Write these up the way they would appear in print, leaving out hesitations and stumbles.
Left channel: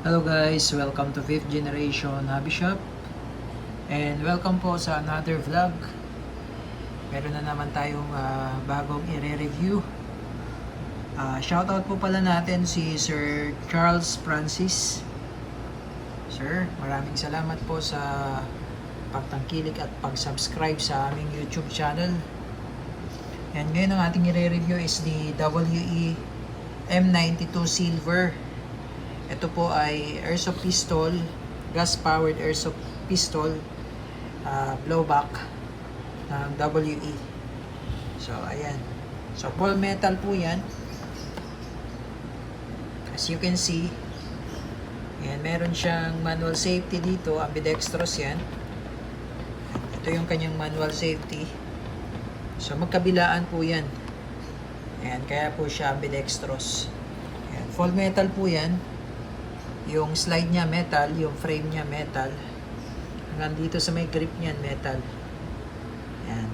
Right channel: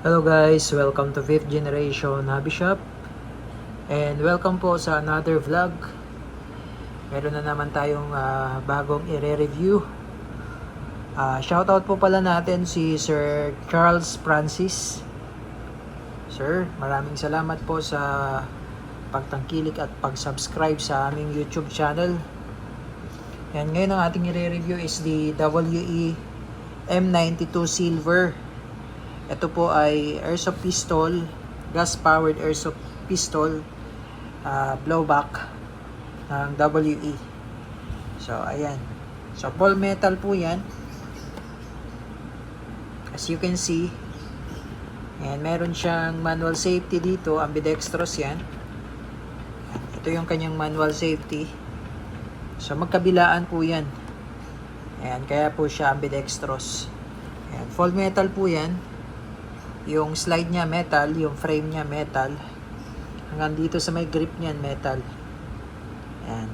Hello guys, welcome to 5th Generation Hobby Shop and welcome po sa another vlog. Meron na naman tayong bagong i-review. Shoutout po pala natin si Sir Charles Francis. Sir, maraming salamat po sa pagtangkilik at pag-subscribe sa aming YouTube channel. And ngayon ang ating i-review is the WE M92 Silver. Ito po ay airsoft pistol, gas-powered airsoft pistol, blowback ng WE. So, ayan. So, ball metal po yan. As you can see. And meron siyang manual safety dito, ambidextrous yan. Ito yung kanyang manual safety. So, magkabilaan po yan. Ayan, kaya po siya ambidextrous. Ayan, full metal po yan. Yung slide niya metal, yung frame niya metal. Hanggang dito sa may grip niyan metal. Ayan.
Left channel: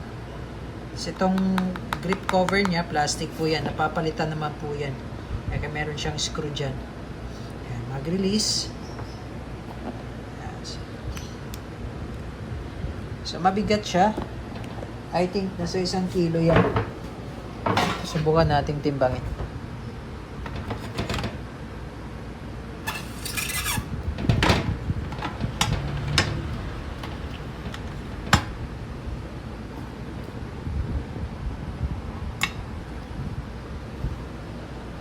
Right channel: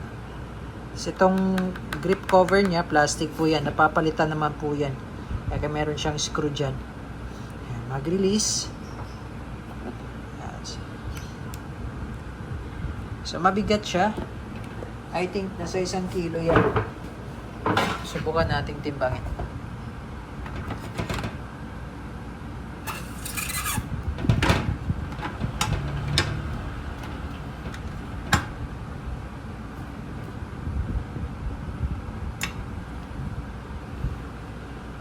So, itong grip cover niya, plastic po yan. Napapalitan naman po yan. Kaya meron siyang screw dyan. Ayan, mag-release. Ayan. So, mabigat siya. I think nasa 1 kilo yan. Subukan nating timbangin.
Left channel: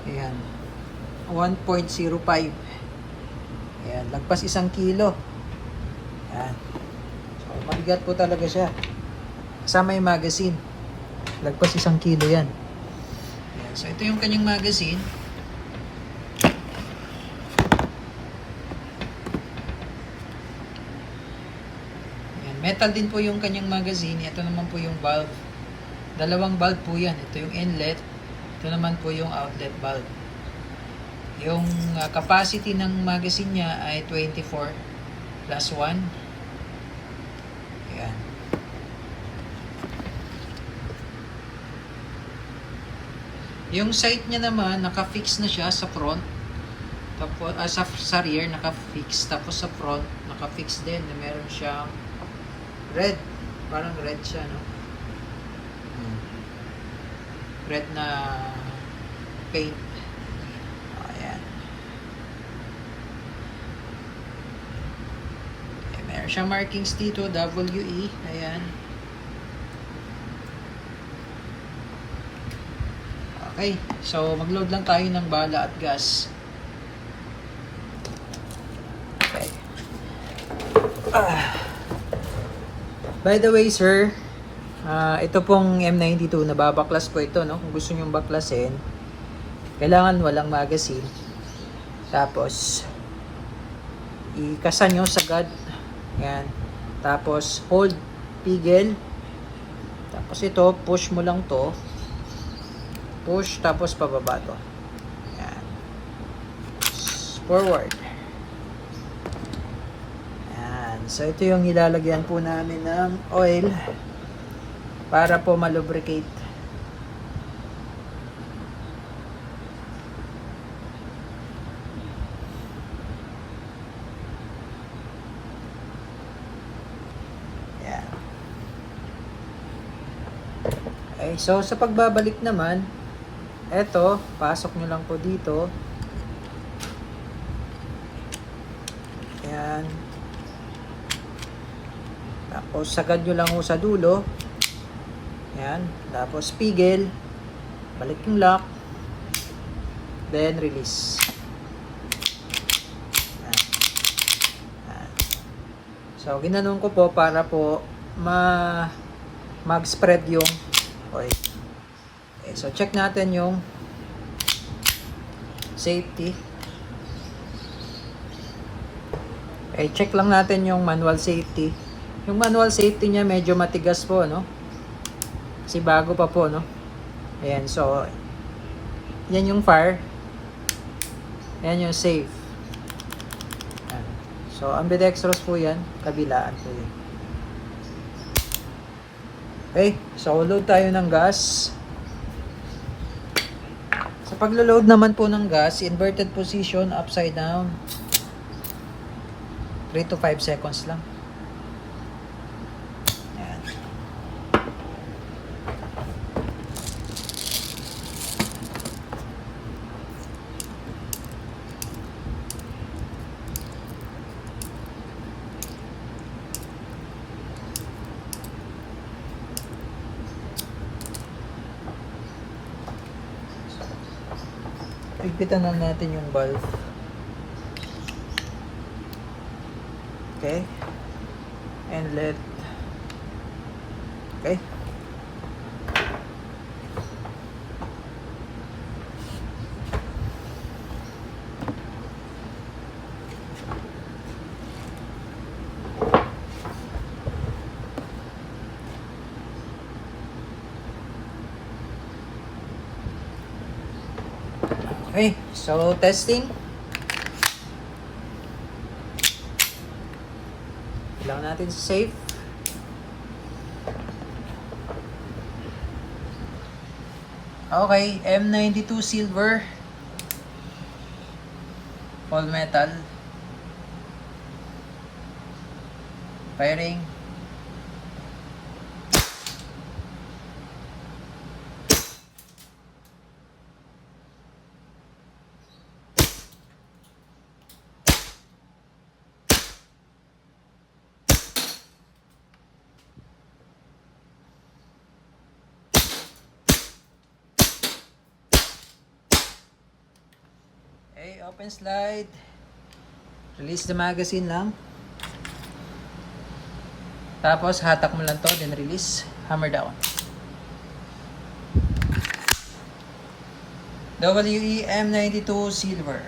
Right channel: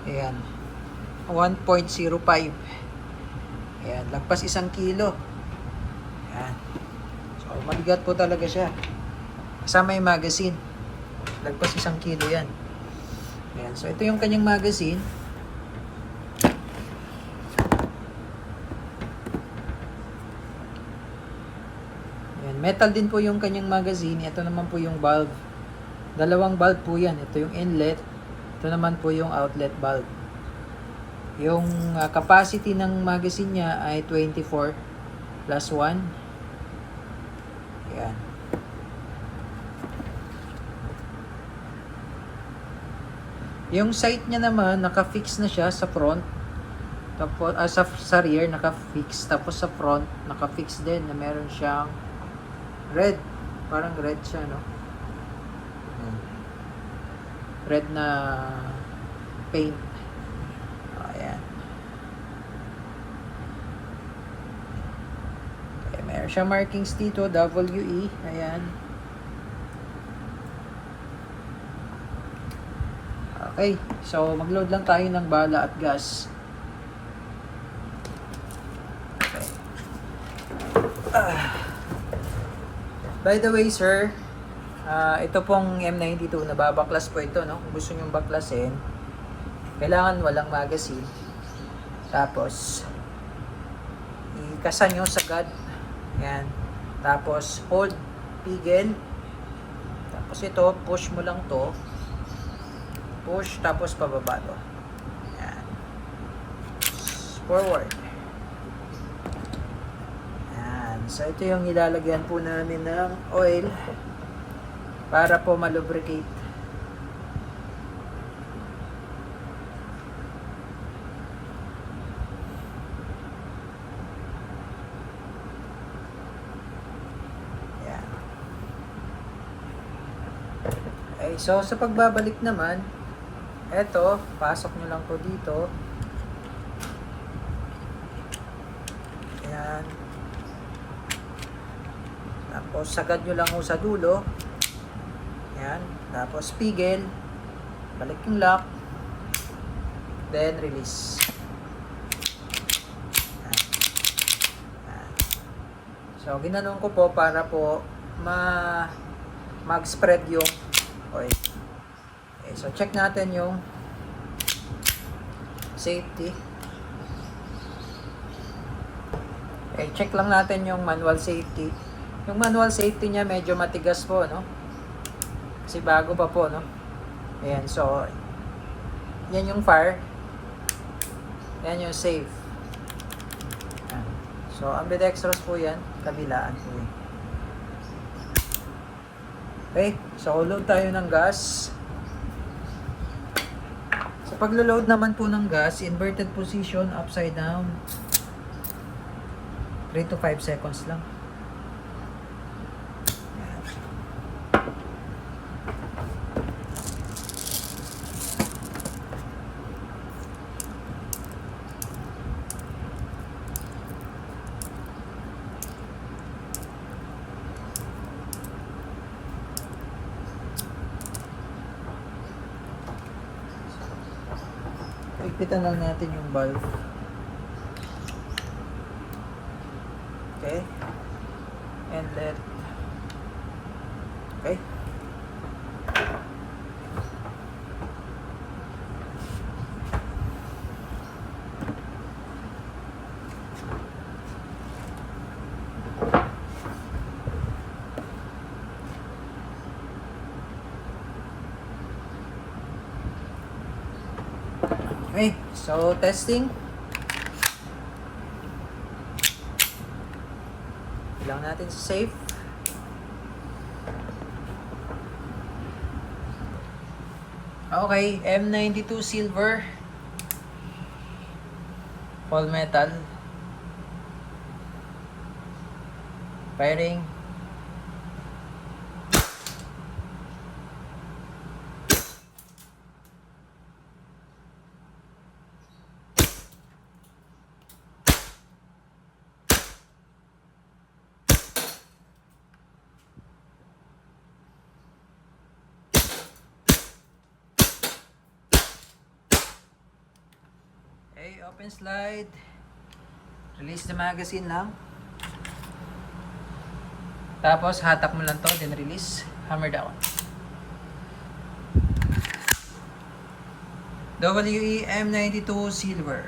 Ayan. 1.05. Ayan. Lagpas 1 kilo. Ayan. So, mabigat po talaga siya. Kasama yung magazine. Lagpas 1 kilo yan. Ayan. So, ito yung kanyang magazine. Ayan. Metal din po yung kanyang magazine. Ito naman po yung valve. Dalawang valve po yan. Ito yung inlet. Ito naman po yung outlet valve. Yung capacity ng magazine niya ay 24 plus 1. Ayan. Yung sight niya naman, naka-fix na siya sa front. Tapos, sa rear, naka-fix. Tapos sa front, naka-fix din na meron siyang red. Parang red siya, no? Red na paint. Ayan. Okay, meron siyang markings dito, WE. Ayan. Okay, so mag-load lang tayo ng bala at gas. Okay. By the way, sir, ito pong M92, nababaklas po ito, no? Kung gusto nyo baklasin, kailangan walang magazine. Tapos, ikasan nyo sagad. Ayan. Tapos, hold, pigil. Tapos ito, push mo lang to. Push, tapos pababa to. Ayan. Forward. Ayan. So, ito yung ilalagyan po namin ng oil para po malubricate. Yeah. Okay, so sa pagbabalik naman, eto, pasok nyo lang po dito. Ayan. Tapos sagad nyo lang po sa dulo. Ayan. Tapos pigil. Balik yung lock. Then release. Ayan. Ayan. So, ginanon ko po para po mag-spread yung oil. Okay, so check natin yung safety. Okay, check lang natin yung manual safety. Yung manual safety niya medyo matigas po, no? Kasi bago pa po, no? Ayan, so yan yung fire. Yan yung safe. Ayan. So, ambidextrous po yan. Kabilaan po yan. Okay, so load tayo ng gas. Sa paglo-load naman po ng gas, inverted position, upside down. 3 to 5 seconds lang. Yan. Pigpitan lang natin yung valve. Okay. Inlet. Okay. Okay, so testing. Lang natin sa safe. Okay, M92 silver. All metal. Firing. Okay, open slide. Release the magazine lang. Tapos hatak mo lang to, then release. Hammer down. WE M92 silver.